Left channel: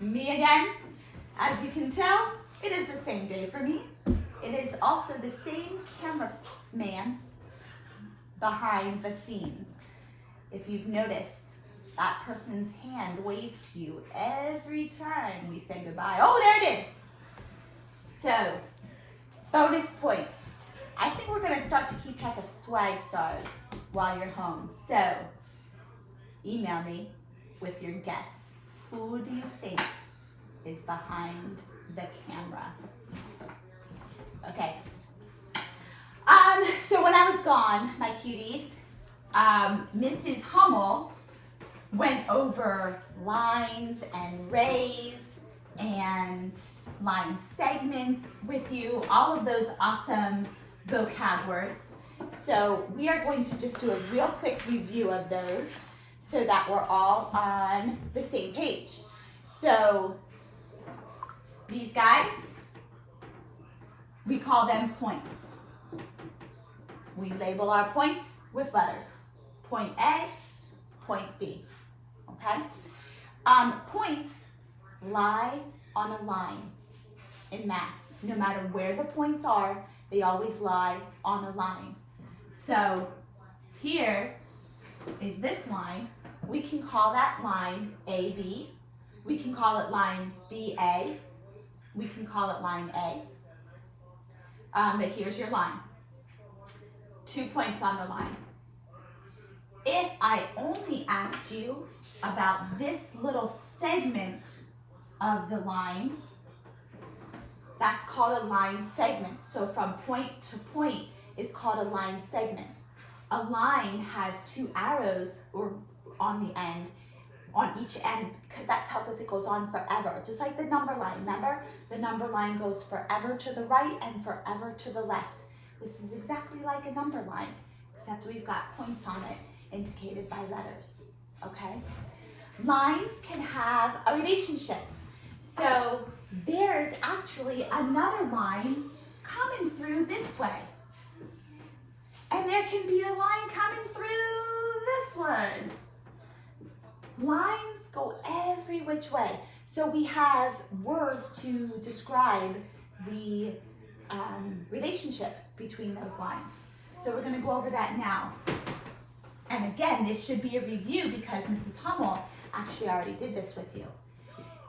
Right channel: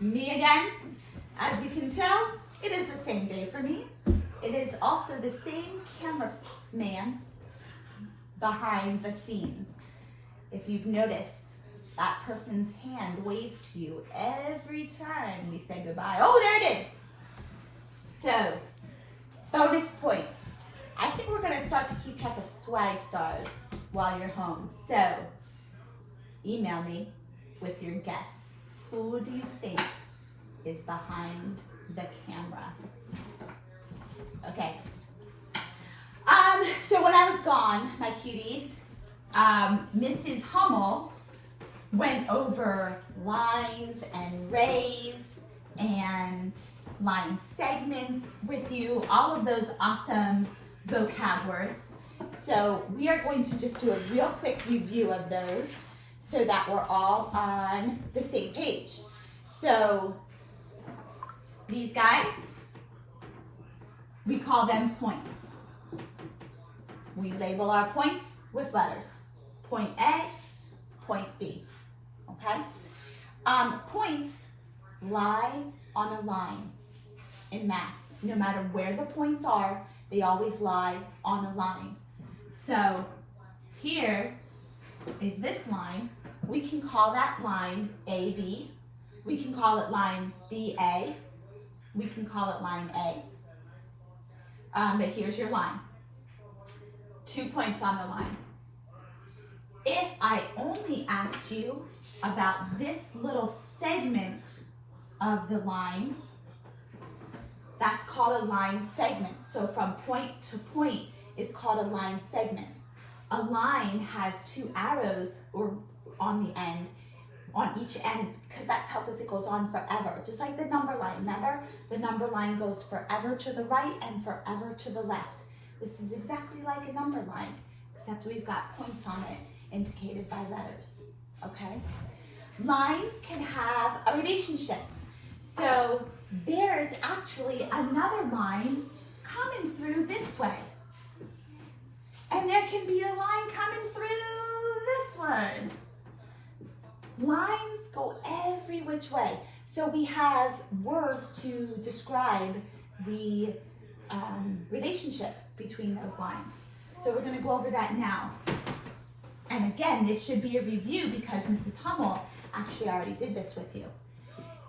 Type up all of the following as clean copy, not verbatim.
Me again. As you can tell, it is the same day for me. It is also the same cameraman behind the scenes. If you've noticed, that person's hand waved to you every time we say goodbye. Oh, there it is. So, bonus points. I think we're gonna start to keep track of swag stars while you're home. So, email me with your guess. Who do you think is behind the camera? Okay. So when I was gone, my cuties, Mrs. Hummel went over lines and rays and line segments with you, all of those awesome vocab words. So we are going to just do a real quick review of those so that we're all on the same page. So these guys, we call them points. We label our points with letters. Point A, point B, okay? Points lie on a line in math. No matter where the points are, they always lie on a line. So here is this line. We can call that line AB. We can call it line BA. We can call it line A. But here's your line. 2 points on the line. If I only asked you about this little segment of the line, that's called a line segment. So from point to point, it's called a line segment. A line has 2 arrows or on the end, on each end, because that tells us it goes on forever. Just like the number line, remember? The number line goes forever to the right and forever to the left. This is exactly like a number line, except we've got points on it indicated by letters, okay? Lines can have a relationship. So there's actually another line coming through this way. And there can be a line coming through this one. Lines go every which way. So we have words to describe the relationship between those lines. So we're going to go over that now. And again, this should be a review because Mrs. Hummel actually already did this with you.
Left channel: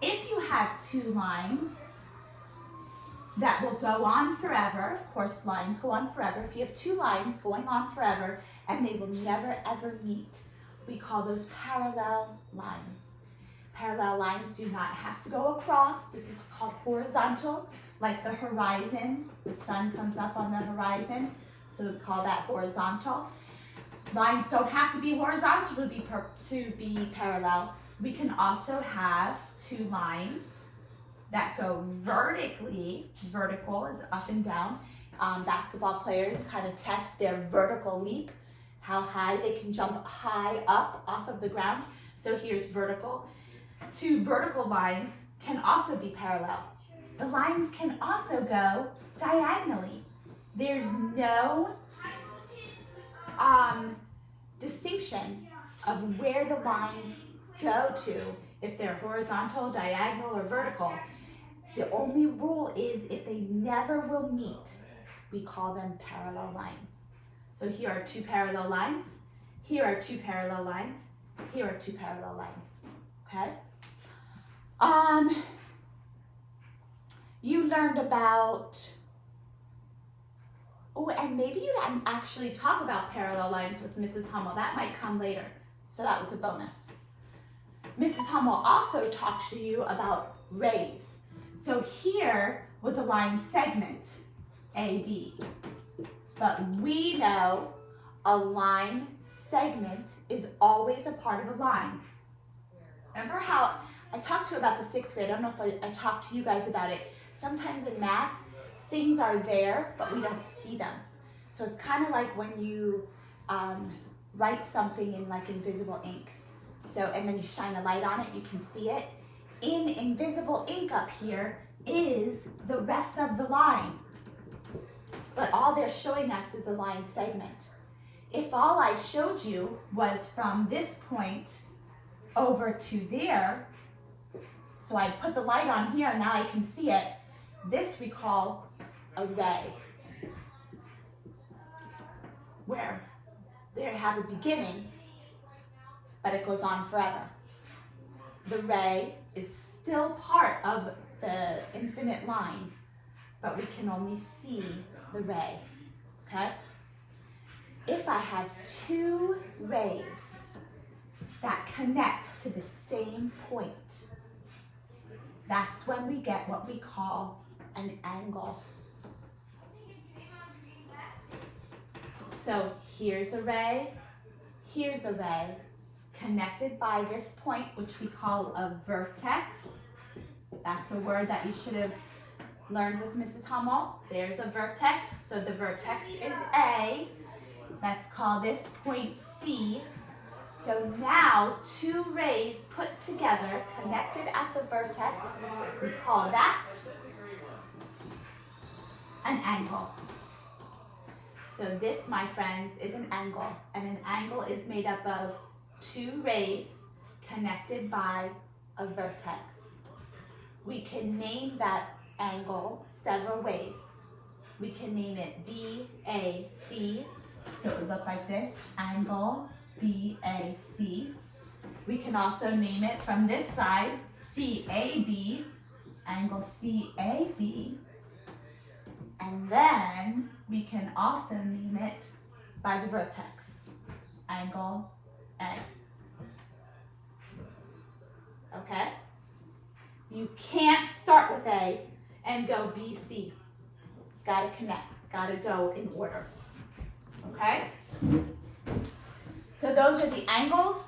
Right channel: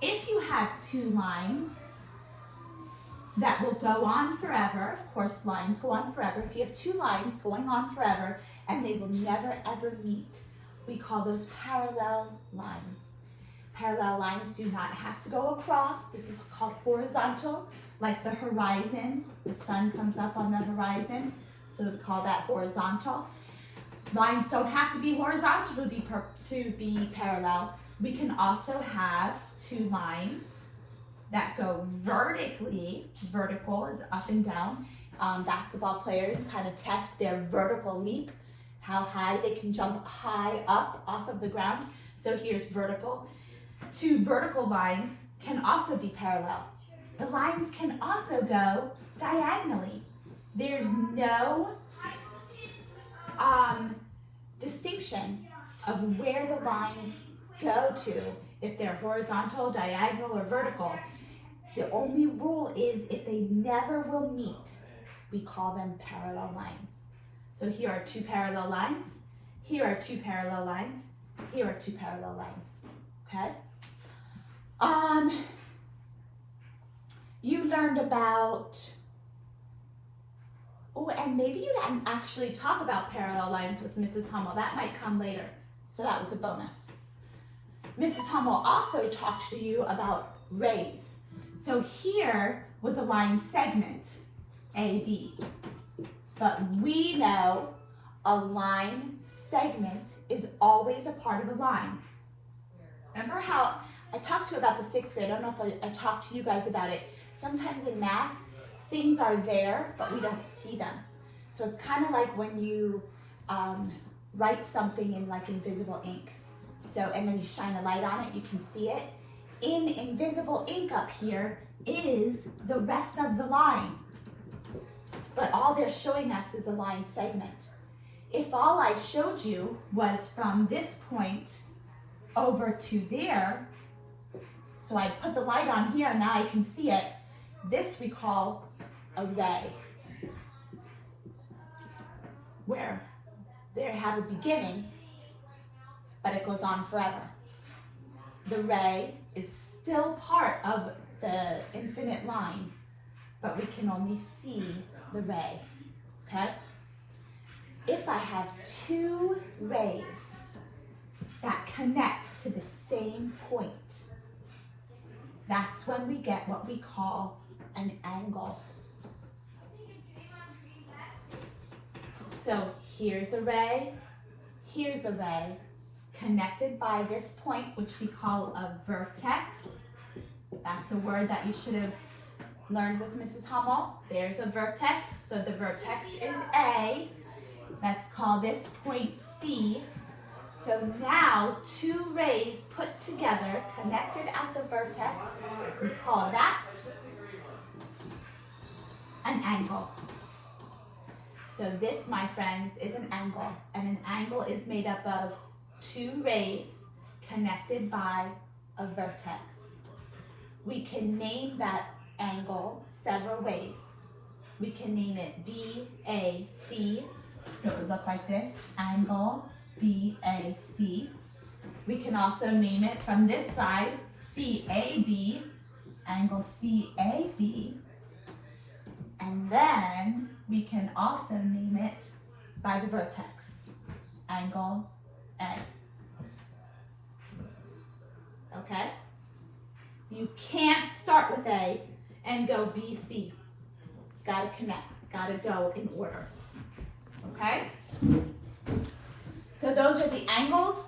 If you have 2 lines that will go on forever, of course lines go on forever. If you have 2 lines going on forever and they will never ever meet, we call those parallel lines. Parallel lines do not have to go across. This is called horizontal, like the horizon. The sun comes up on the horizon, so we call that horizontal. Lines don't have to be horizontal to be parallel. We can also have 2 lines that go vertically. Vertical is up and down. Basketball players kind of test their vertical leap, how high they can jump high up off of the ground. So here's vertical. 2 vertical lines can also be parallel. The lines can also go diagonally. There's no distinction of where the lines go to, if they're horizontal, diagonal, or vertical. The only rule is if they never will meet, we call them parallel lines. So here are 2 parallel lines. Here are 2 parallel lines. Here are 2 parallel lines. Okay? You learned about, oh, and maybe you didn't actually talk about parallel lines with Mrs. Hummel. That might come later. So that was a bonus. Mrs. Hummel also talked to you about rays. So here was a line segment, AB. But we know a line segment is always a part of a line. Remember how I talked to you about the 6th grade? I don't know if I talked to you guys about it. Sometimes in math, things are there, but we don't see them. So it's kind of like when you write something in like invisible ink. So, and then you shine a light on it, you can see it. In invisible ink up here is the rest of the line. But all they're showing us is the line segment. If all I showed you was from this point over to there, So I put the light on here, now I can see it. This we call a ray, where they have a beginning, but it goes on forever. The ray is still part of the infinite line, but we can only see the ray, okay? If I have two rays that connect to the same point, that's when we get what we call an angle. So here's a ray, connected by this point, which we call a vertex. That's a word that you should have learned with Mrs. Hummel. There's a vertex, so the vertex is A. Let's call this point C. So now two rays put together, connected at the vertex, we call that an angle. So this, my friends, is an angle, and an angle is made up of two rays connected by a vertex. We can name that angle several ways. We can name it BAC, so it would look like this, angle BAC. We can also name it from this side, CAB, angle CAB. And then we can also name it by the vertex, angle A. Okay? You can't start with A and go BC. It's got to connect. It's got to go in order. Okay? So those are the angles,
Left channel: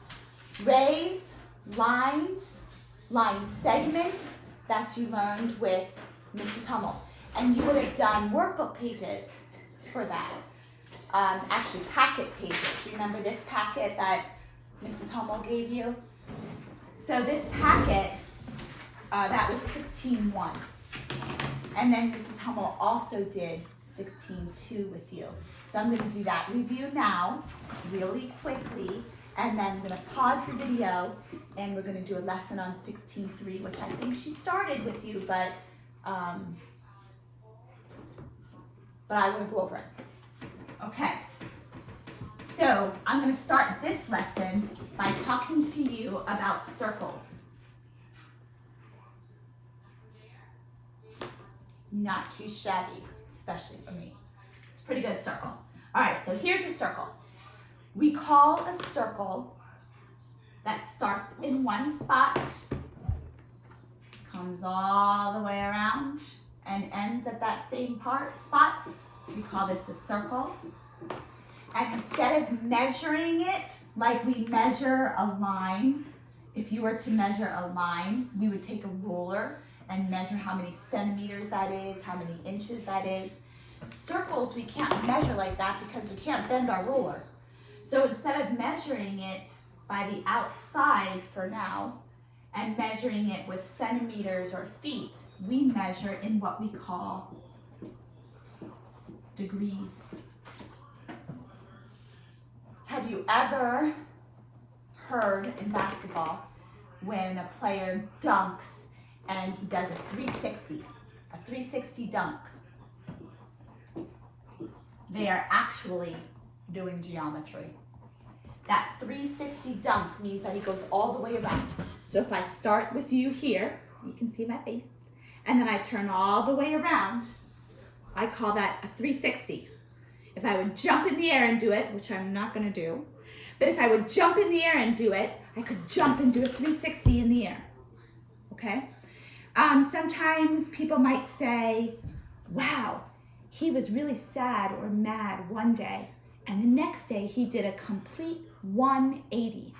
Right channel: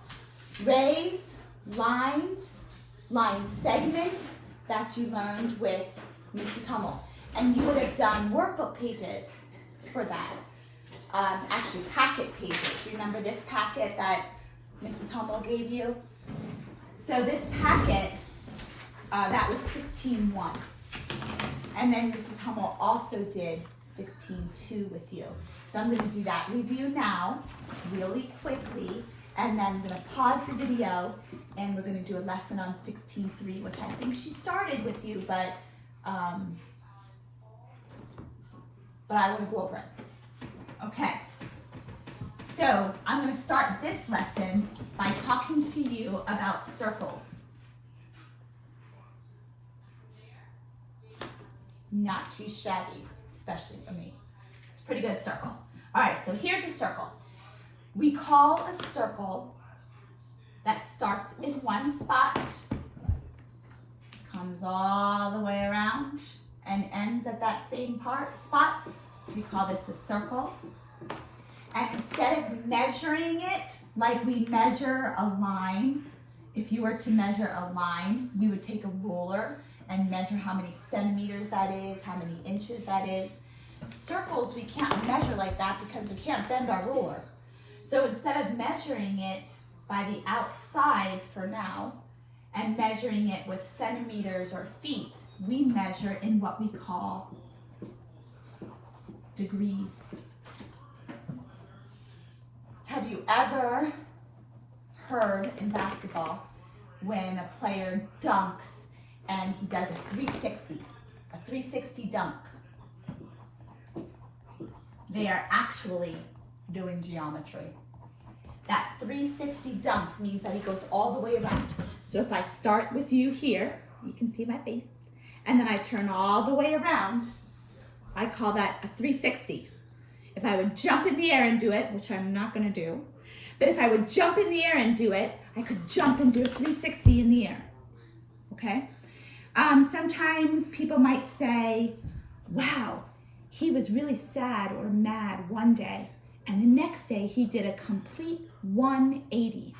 rays, lines, line segments that you learned with Mrs. Hummel. And you would have done workbook pages for that. Actually, packet pages. Remember this packet that Mrs. Hummel gave you? So this packet, that was 16-1. And then Mrs. Hummel also did 16-2 with you. So I'm going to do that review now, really quickly, and then I'm going to pause the video, and we're going to do a lesson on 16-3, which I think she started with you, but I want to go over it. Okay. So I'm going to start this lesson by talking to you about circles. Not too shabby, especially for me. It's a pretty good circle. All right, so here's a circle. We call a circle that starts in one spot, comes all the way around, and ends at that same spot. We call this a circle. And instead of measuring it like we measure a line, if you were to measure a line, we would take a ruler and measure how many centimeters that is, how many inches that is. Circles, we can't measure like that because we can't bend our ruler. So instead of measuring it by the outside for now, and measuring it with centimeters or feet, we measure in what we call degrees. Have you ever heard in basketball when a player dunks and he does a 360 dunk? They are actually doing geometry. That 360 dunk means that he goes all the way around. So if I start with you here, you can see my face, and then I turn all the way around, I call that a 360. If I would jump in the air and do it, which I'm not gonna do, but if I would jump in the air and do it, I could jump and do a 360 in the air, okay? Sometimes people might say, wow, he was really sad or mad one day, and the next day he did a complete 180.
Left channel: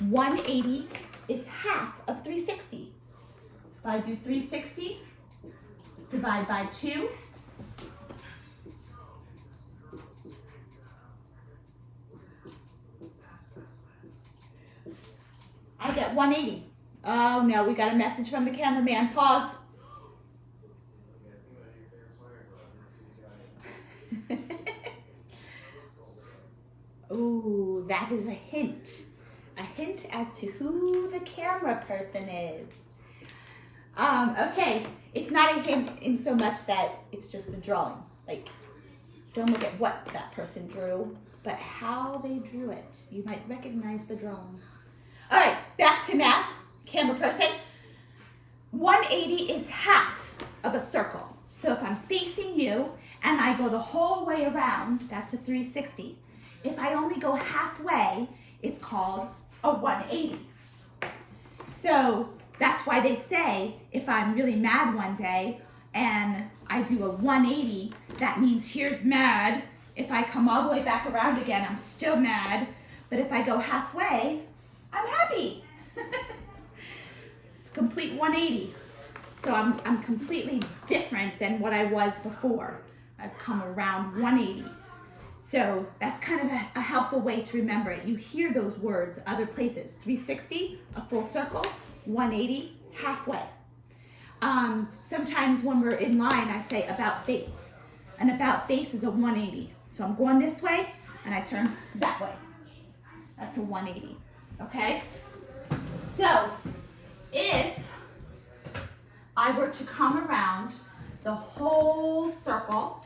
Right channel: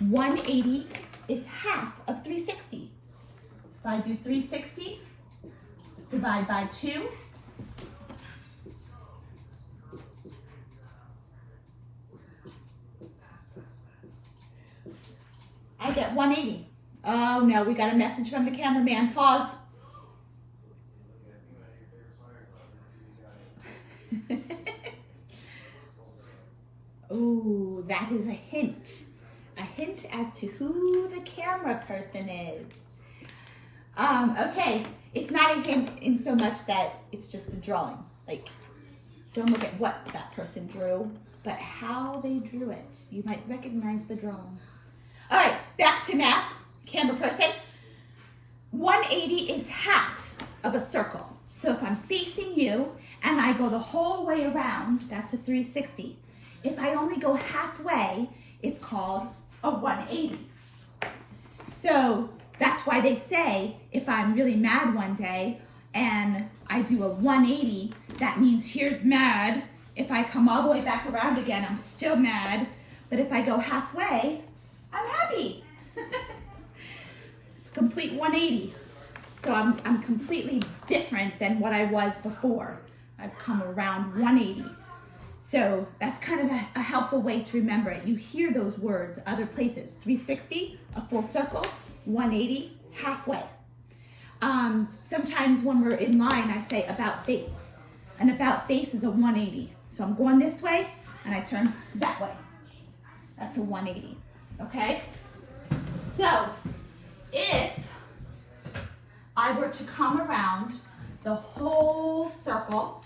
180 is half of 360. If I do 360, divide by 2, I get 180. Oh no, we got a message from the cameraman. Pause. Ooh, that is a hint. A hint as to who the camera person is. Okay, it's not a hint in so much that it's just the drawing. Like, don't look at what that person drew, but how they drew it. You might recognize the drawing. All right, back to math. Camera person. 180 is half of a circle. So if I'm facing you and I go the whole way around, that's a 360. If I only go halfway, it's called a 180. So that's why they say if I'm really mad one day and I do a 180, that means here's mad. If I come all the way back around again, I'm still mad. But if I go halfway, I'm happy. It's a complete 180. So I'm completely different than what I was before. I've come around 180. So that's kind of a helpful way to remember it. You hear those words other places. 360, a full circle. 180, halfway. Sometimes when we're in line, I say about face. An about face is a 180. So I'm going this way and I turn that way. That's a 180, okay? So if I were to come around the whole circle,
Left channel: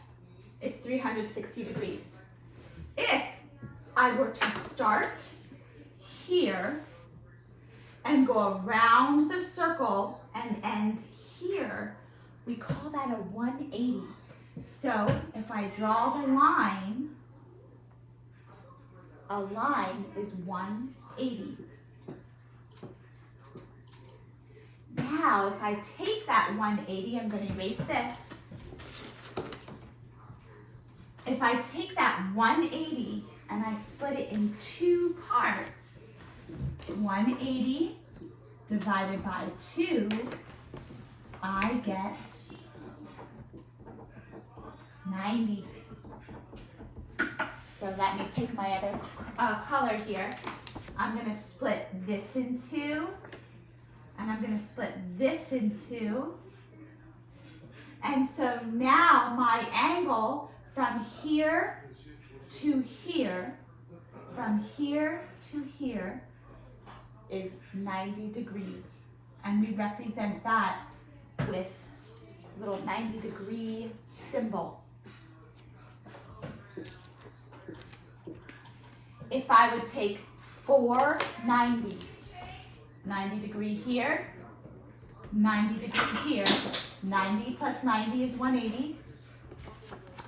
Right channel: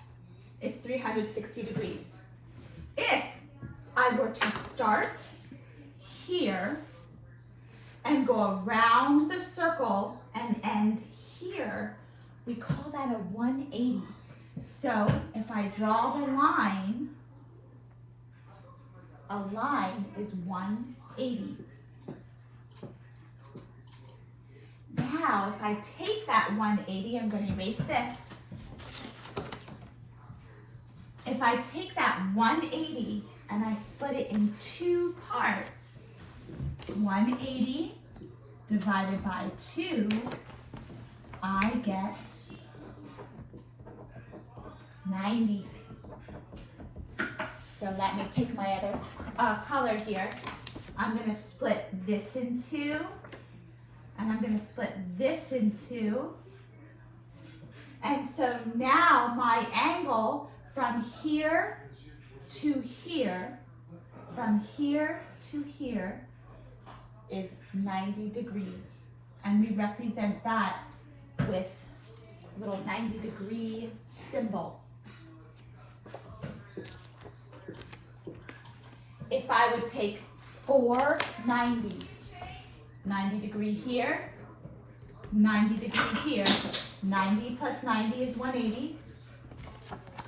it's 360 degrees. If I were to start here and go around the circle and end here, we call that a 180. So if I draw the line, a line is 180. Now, if I take that 180, I'm going to erase this. If I take that 180 and I split it in two parts, 180 divided by 2, I get 90. So let me take my other color here. I'm going to split this in two, and I'm going to split this in two. And so now my angle from here to here, from here to here, is 90 degrees. And we represent that with a little 90-degree symbol. If I would take 4 90s, 90 degree here, 90 degree here, 90 plus 90 is 180,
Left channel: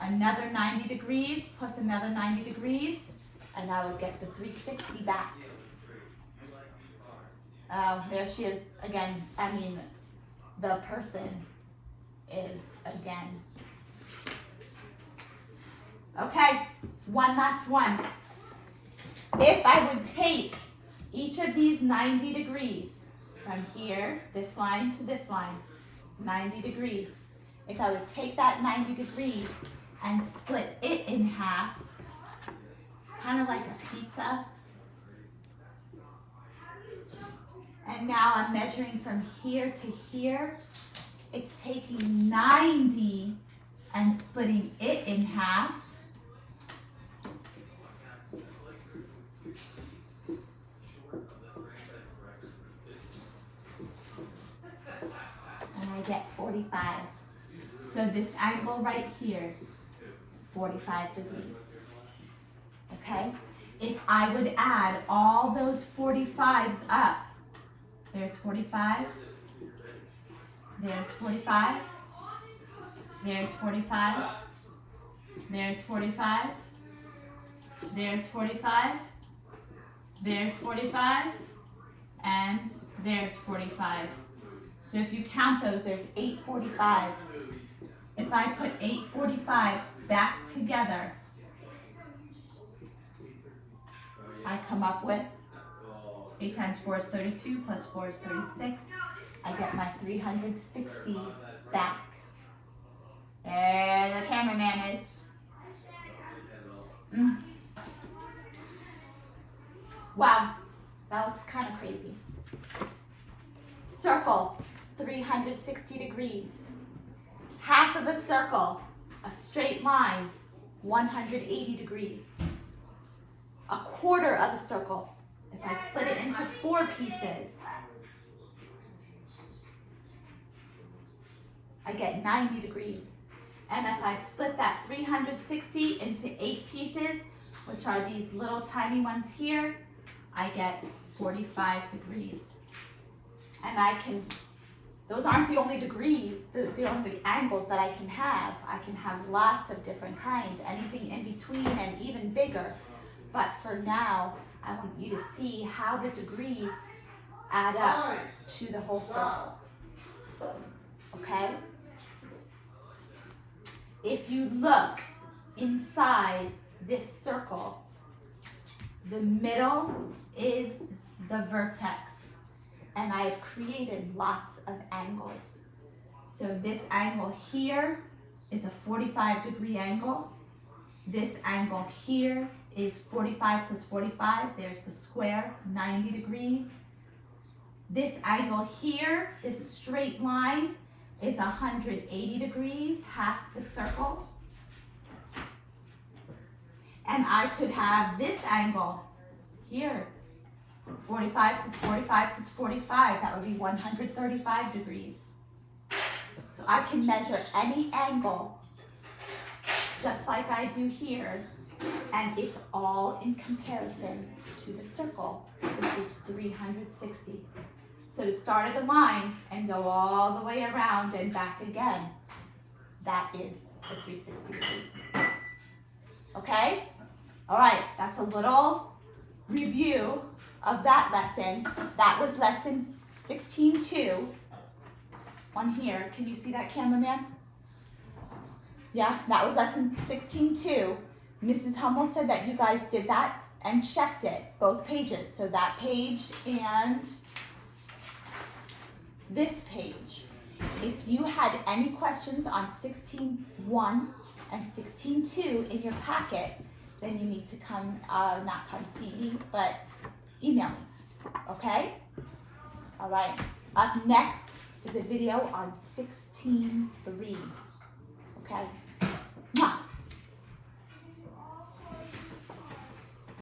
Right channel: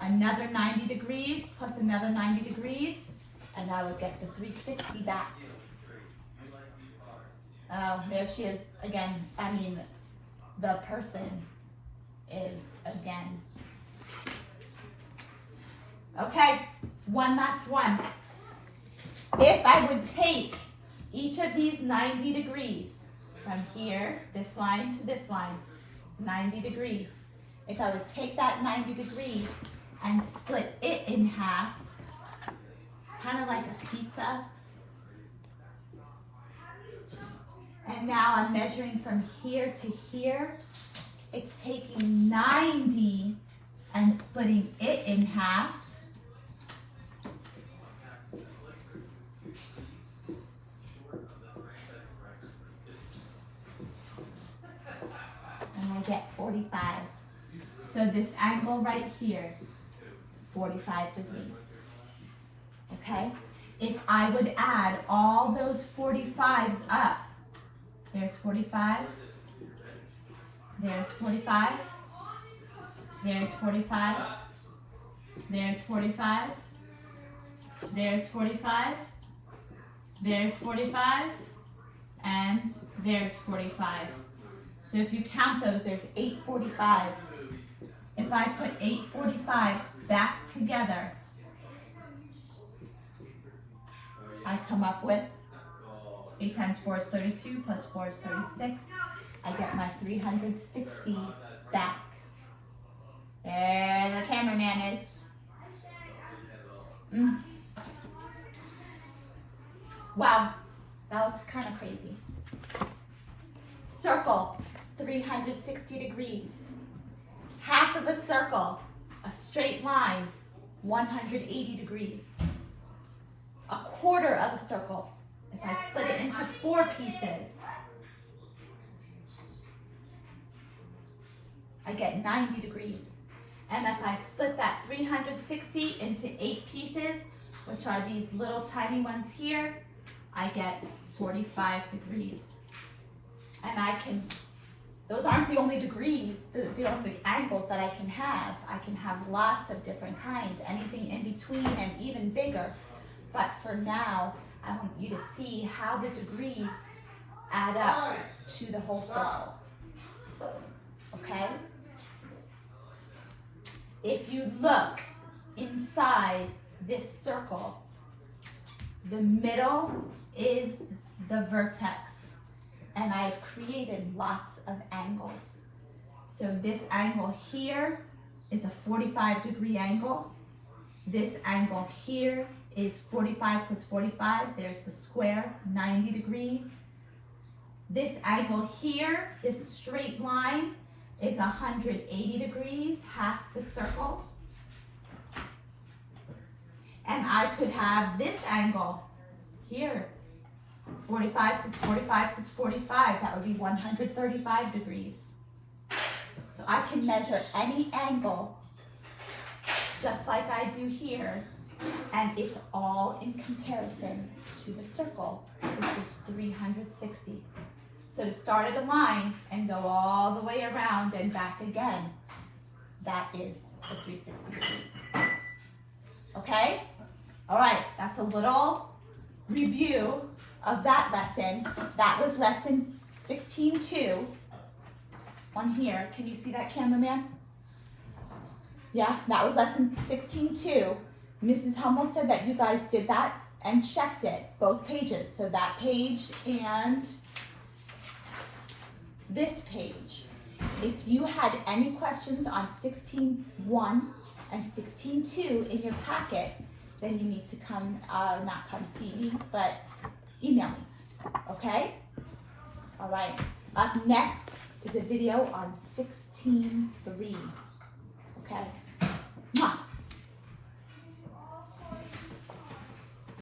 another 90 degrees plus another 90 degrees, and I would get the 360 back. Oh, there she is again. I mean, the person is again. Okay, one last one. If I would take each of these 90 degrees from here, this line to this line, 90 degrees. If I would take that 90 degrees and split it in half, kind of like a pizza. And now I'm measuring from here to here. It's taking 90 and splitting it in half. And I get 45. So this angle right here, 45 degrees. Okay? If I would add all those 45s up, there's 45, there's 45, there's 45, there's 45, there's 45, there's 45, and there's 45. So if you count those, there's 8 45s. If I put 8 45s back together, I come up with 8 times 4 is 32, plus 4 is 36. I get my 360 back. There the cameraman is. Wow, that looks kind of crazy. Circle, 360 degrees. Half of a circle, a straight line, 180 degrees. A quarter of a circle, if I split it into 4 pieces, I get 90 degrees. And if I split that 360 into 8 pieces, which are these little tiny ones here, I get 45 degrees. And I can, those aren't the only degrees, the only angles that I can have. I can have lots of different kinds, anything in between and even bigger. But for now, I want you to see how the degrees add up to the whole circle. Okay? If you look inside this circle, the middle is the vertex, and I've created lots of angles. So this angle here is a 45-degree angle. This angle here is 45 plus 45, there's the square, 90 degrees. This angle here, this straight line, is 180 degrees, half the circle. And I could have this angle here, 45 plus 45 plus 45, that would be 135 degrees. So I can measure any angle, just like I do here, and it's all in comparison to the circle, which is 360. So to start at a line and go all the way around and back again, that is the 360 degrees. Okay? All right, that's a little review of that lesson. That was lesson 16-2 on here. Can you see that, cameraman? Yeah, that was lesson 16-2. Mrs. Hummel said that you guys did that and checked it, both pages. So that page and this page. If you had any questions on 16-1 and 16-2 in your packet, then you need to come, not come see me, but email me, okay? All right, up next is a video on 16-3.